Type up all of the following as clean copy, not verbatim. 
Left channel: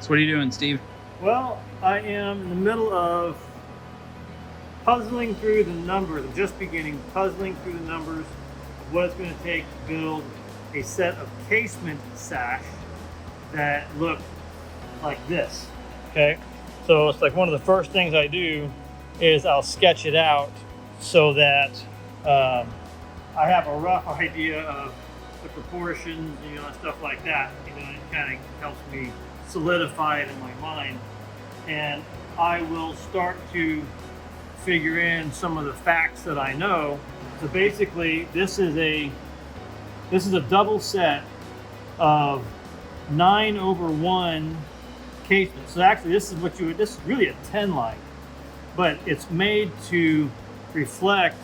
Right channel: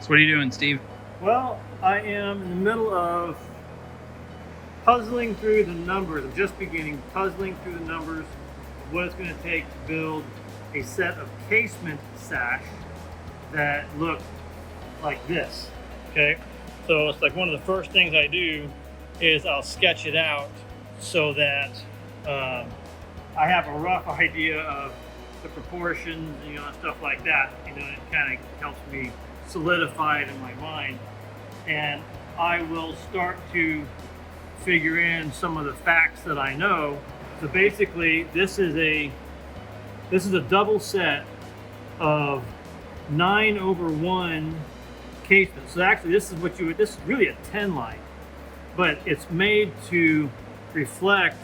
So what are you doing, Steve? Well, I am in the middle of puzzling through the numbers. I'm just beginning puzzling through the numbers of what it's going to take to build a set of casement sash that look like this. Okay, so it's like one of the first things I do is I'll sketch it out so that I have a rough idea of the proportions, and stuff like that. It kind of helps me solidify it in my mind, and I will start to figure in some of the facts that I know. So basically, this is a double set of 9/1 casement. So actually, this is really a 10 line, but it's made to reflect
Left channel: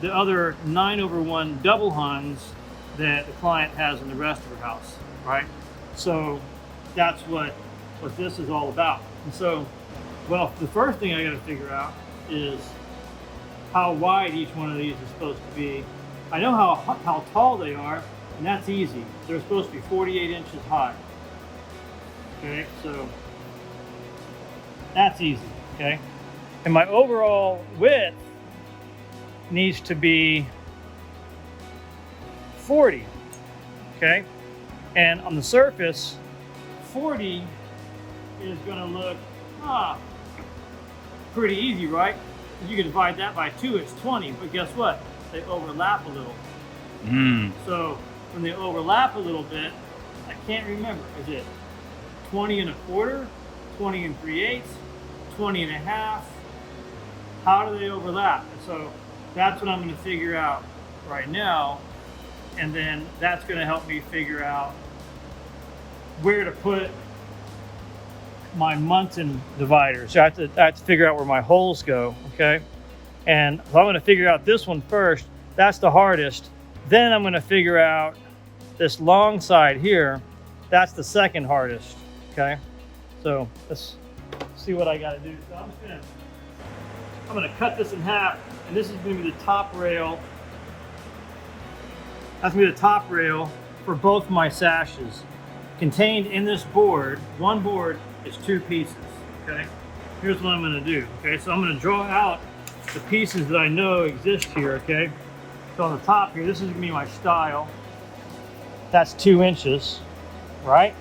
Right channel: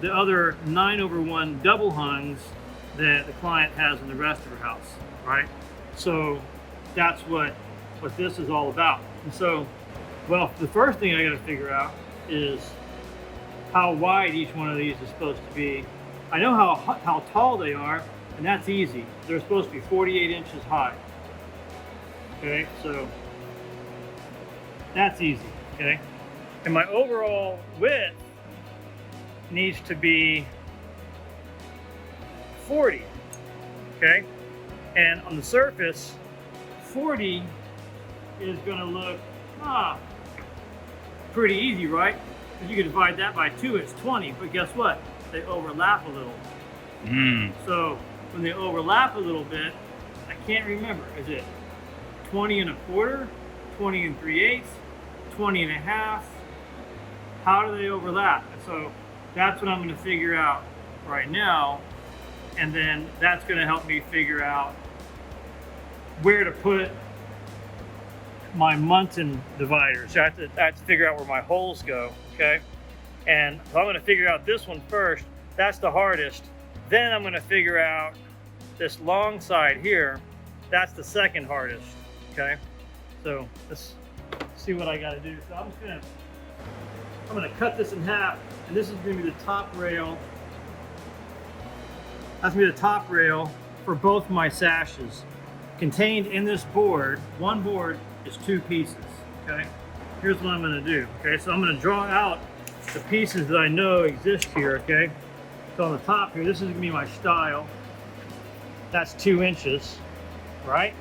the other 9/1 double hungs that the client has in the rest of her house, right? So that's what this is all about. And so, well, the first thing I got to figure out is how wide each one of these is supposed to be. I know how tall they are, and that's easy. They're supposed to be 48 inches high. Okay, so that's easy. Okay, and my overall width needs to be 40. Okay, and on the surface, 40 is going to look pretty easy, right? You can divide that by 2, it's 20, but guess what? They overlap a little. So when they overlap a little bit, I can't remember, is it 20 1/4, 20 3/8, 20 1/2? How do they overlap? And so that's what I'm going to figure out right now, and then that's going to help me figure out where to put my Munson divider. So I have to figure out where my holes go, okay? And so I'm going to figure out this one first. That's the hardest. Then I'm going to figure out this long side here. That's the second hardest, okay? So let's see what I got to do. So I'm going to cut this in half, and this is going to be the top rail. That's going to be the top rail for both my sashes. Contained in this board, one board is 2 pieces, okay? Here's what I'm going to do, okay? So I'm going to draw out the pieces that I know exist here, okay? So on the top here, this is going to be my stile. That's 2 inches, right?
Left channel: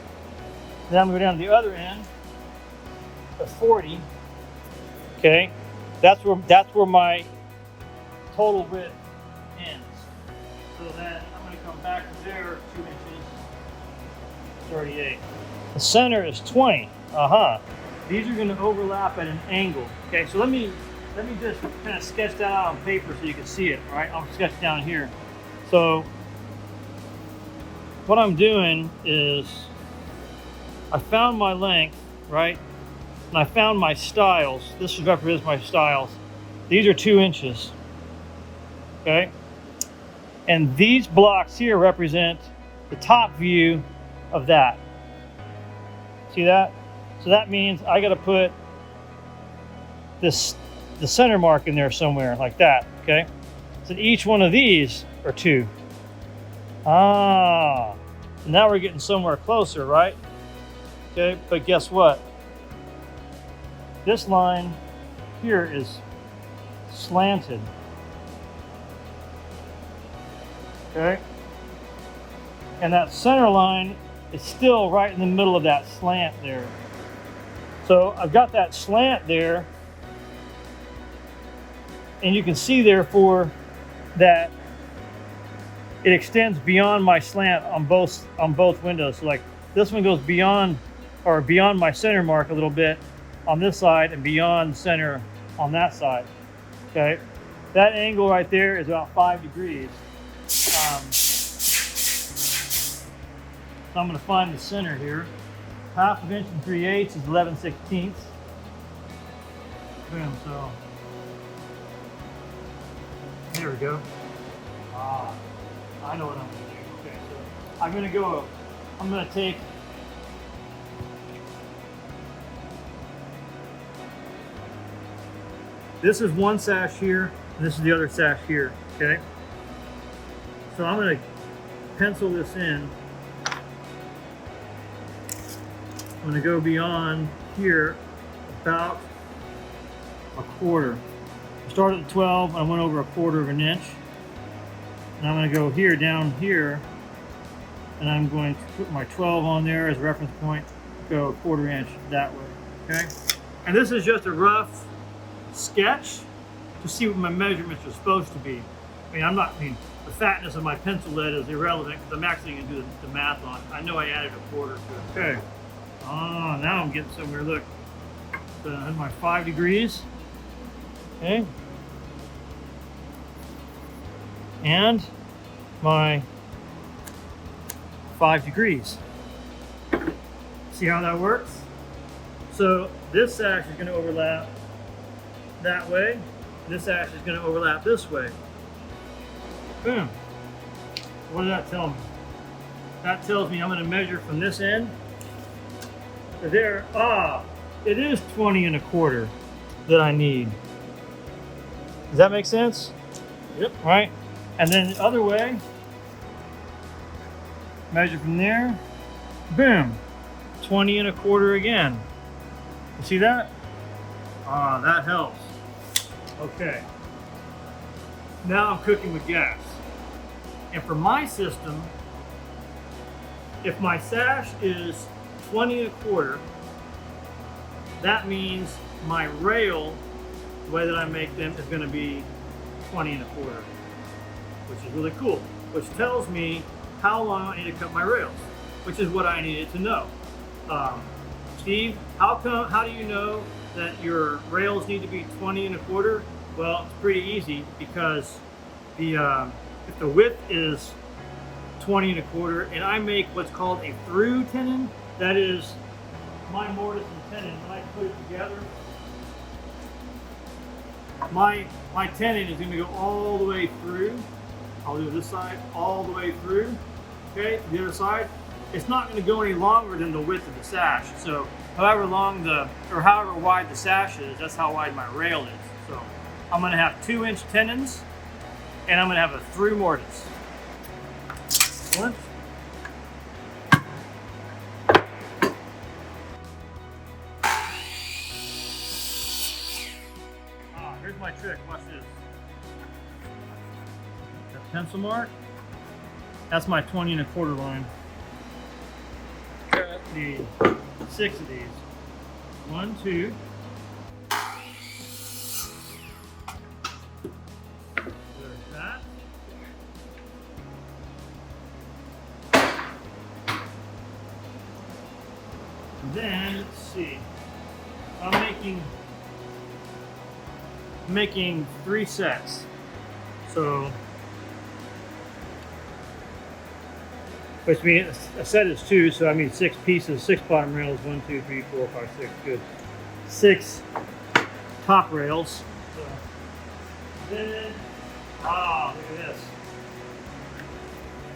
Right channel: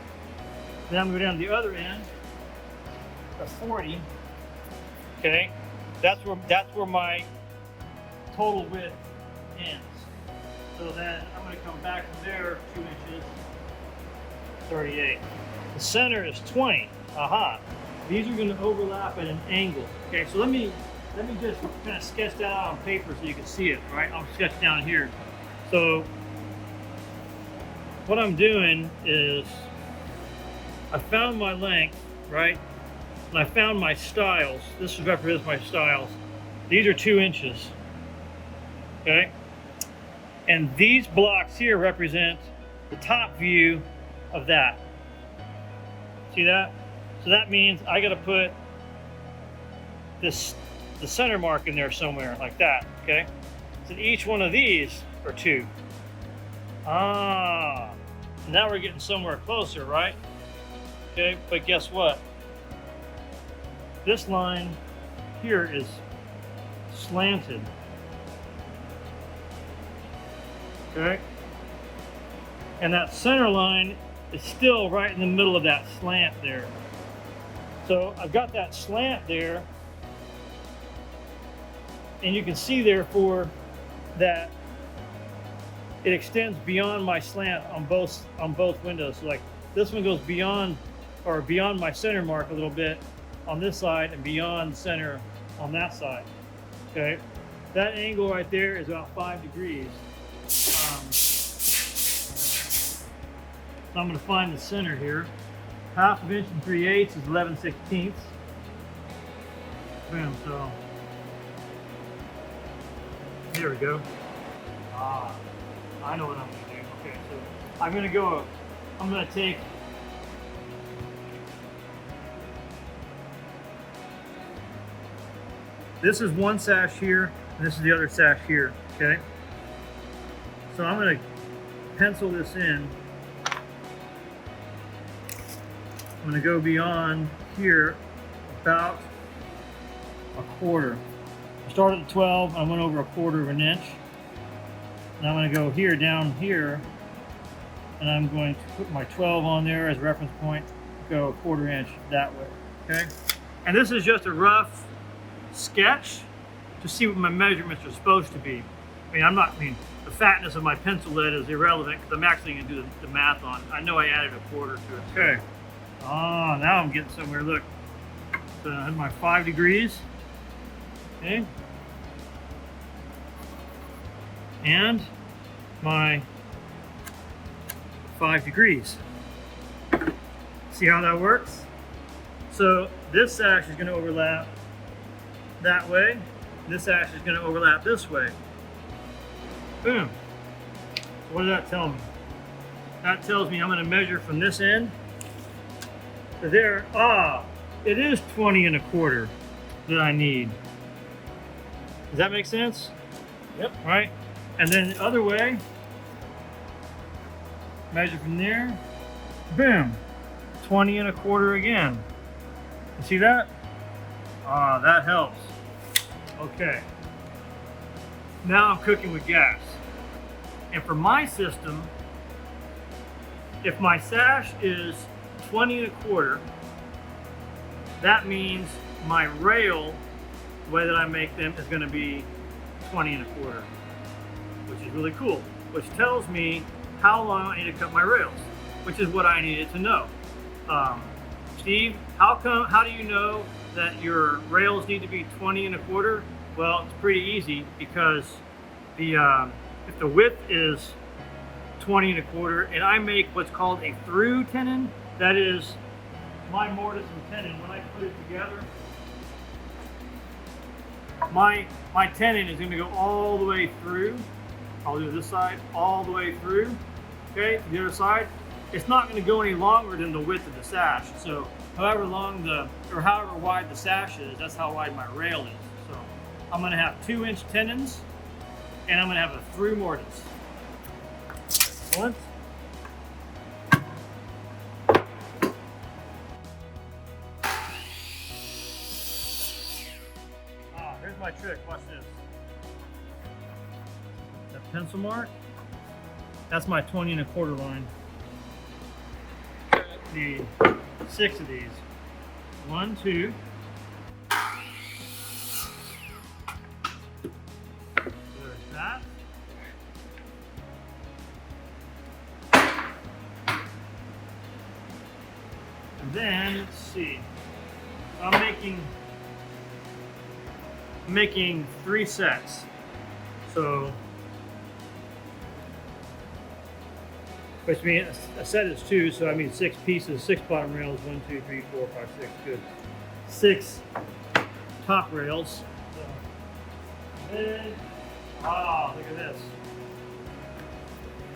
Then I'm going down to the other end of 40, okay? That's where my total width ends. So then I'm going to come back from there 2 inches, 38. The center is 20. These are going to overlap at an angle. Okay, so let me just kind of sketch that out on paper so you can see it. All right, I'll sketch down here. So what I'm doing is I found my length, right, and I found my stiles. This represents my stiles. These are 2 inches. Okay, and these blocks here represent the top view of that. See that? So that means I got to put the center mark in there somewhere like that, okay? So each one of these are 2. Now we're getting somewhere closer, right? Okay, but guess what? This line here is slanted. Okay? And that center line is still right in the middle of that slant there. So I've got that slant there, and you can see therefore that it extends beyond my slant on both windows. So like this one goes beyond my center mark a little bit on this side and beyond center on that side. Okay, that angle right there is about 5 degrees. So I'm going to find the center here. 1/2 inch and 3/8 is 11/16. Boom, so there we go. I know what I'm going to do. Okay, so I'm going to take this is one sash here, and this is the other sash here, okay? So I'm going to pencil this in. I'm going to go beyond here about a quarter. I started at 12, I went over a quarter of an inch. And I'm going to go here, down here, and I'm going to put my 12 on there as a reference point, go a quarter inch that way, okay? And this is just a rough sketch to see what my measurements are supposed to be. I mean, the fatness of my pencil lead is irrelevant because I'm actually going to do the math on it. I know I added a quarter to it. Okay. Oh, now I'm getting somewhere. Look, so I have my 5 degrees. Okay. And my 5 degrees. See how that works? So this sash is going to overlap that way. And this sash is going to overlap this way. Boom. What does that tell me? That tells me I'm going to measure from this end to there. Ah, it is 20 1/4 that I need. Does that make sense? Yep. Right? And then the other way, measure from there. Boom. 20 1/4 again. You see that? Ah, that helps. Okay. Now I'm cooking with gas. And for my system, if my sash is 20 1/4, that means my rail, the way that I make them, is going to be 20 1/4, which is really cool, which tells me how long I need to cut my rails, which is what I needed to know. Steve, how do you know that your rails need to be 20 1/4? Well, it's pretty easy because if the width is 20 1/4 and I make what's called a through tenon, that is my mortise and tenon. When I put it together, my tenon is going to go all the way through. I'll do this side all the way through. Okay, the other side, it's not going to go any longer than the width of the sash. So however wide the sash is, that's how wide my rail is. So I'm going to have 2-inch tenons, and I'm going to have a through mortise. One. Here's my trick. Watch this. That pencil mark, that's my 20 1/4 line. Need 6 of these. 1, 2. There's that. And then, let's see. I'm making 3 sets. So, which means a set is 2, so I mean 6 pieces, 6 bottom rails, 1, 2, 3, 4, 5, 6, good. 6 top rails. So, then, look at this.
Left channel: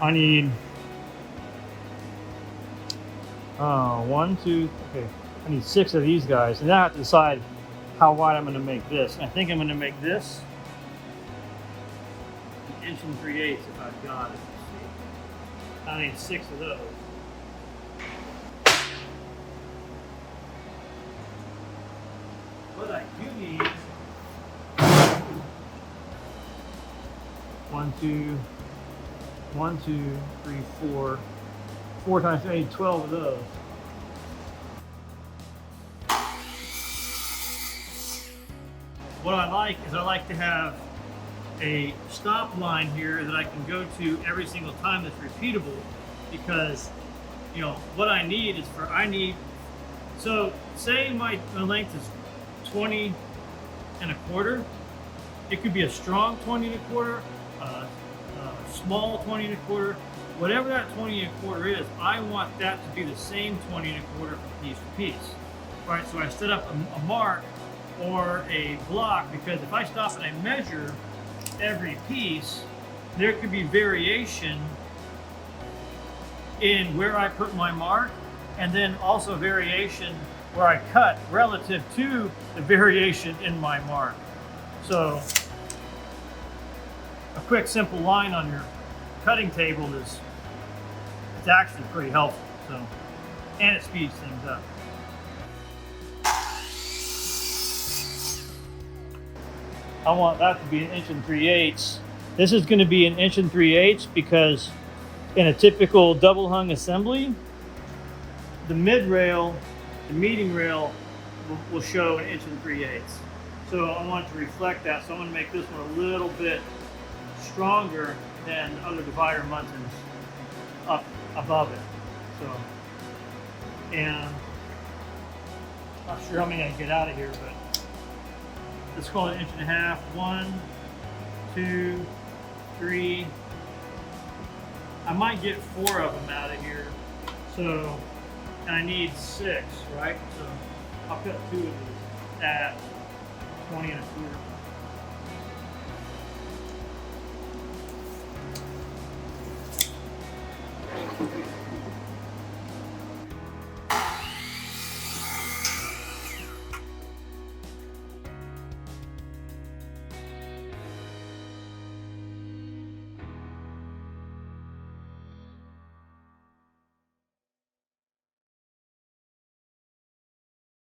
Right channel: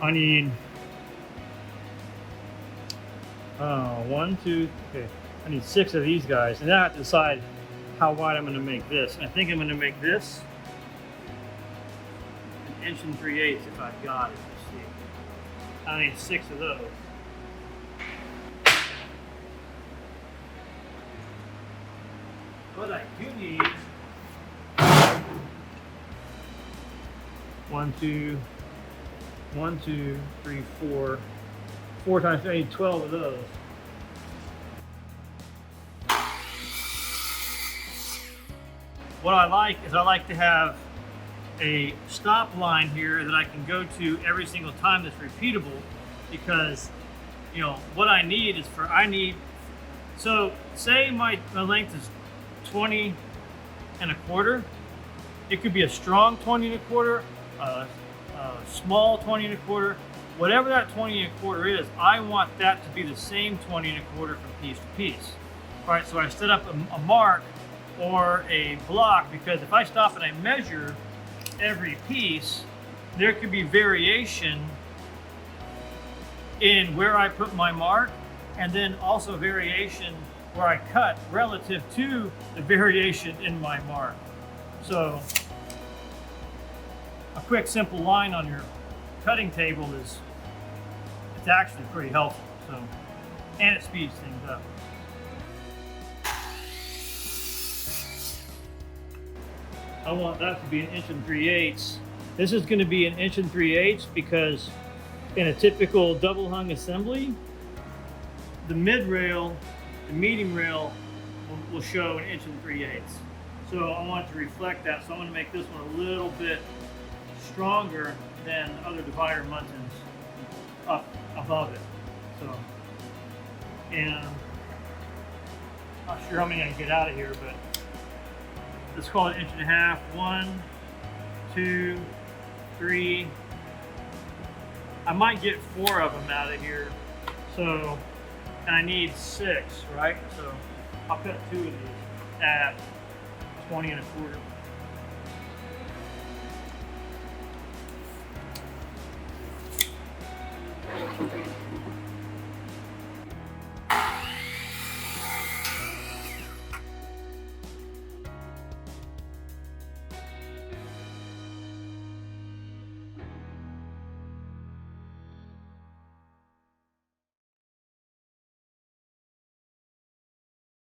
I need 1, 2, okay. I need 6 of these guys, and then I have to decide how wide I'm going to make this. I think I'm going to make this 1 inch 3/8 if I've got it. Let's see. I need 6 of those. But I do need 1, 2, 3, 4. 4 times 3, I need 12 of those. What I like is I like to have a stop line here that I can go to every single time that's repeatable, because what I need is so say my length is 20 1/4. It could be a strong 20 1/4, a small 20 1/4, whatever that 20 1/4 is. I want that to be the same 20 1/4 from piece to piece. All right, so I set up a mark or a block, because if I stop and I measure every piece, there could be variation in where I put my mark, and then also variation where I cut relative to the variation in my mark. So a quick simple line on your cutting table it's actually pretty helpful. So and it speeds things up. I want that to be 1 3/8. This is going to be 1 3/8 because in a typical double hung assembly, the mid rail, the meeting rail will show 1 3/8. So I want it to reflect that. So I'm going to make this one a little bit stronger than other divider muntins up above it. So, and not sure how many I can get out of here, but let's call it 1.5 inches. 1, 2, 3. I might get 4 of them out of here. So, and I need 6, right? So I'll cut 2 of these at 20 1/4.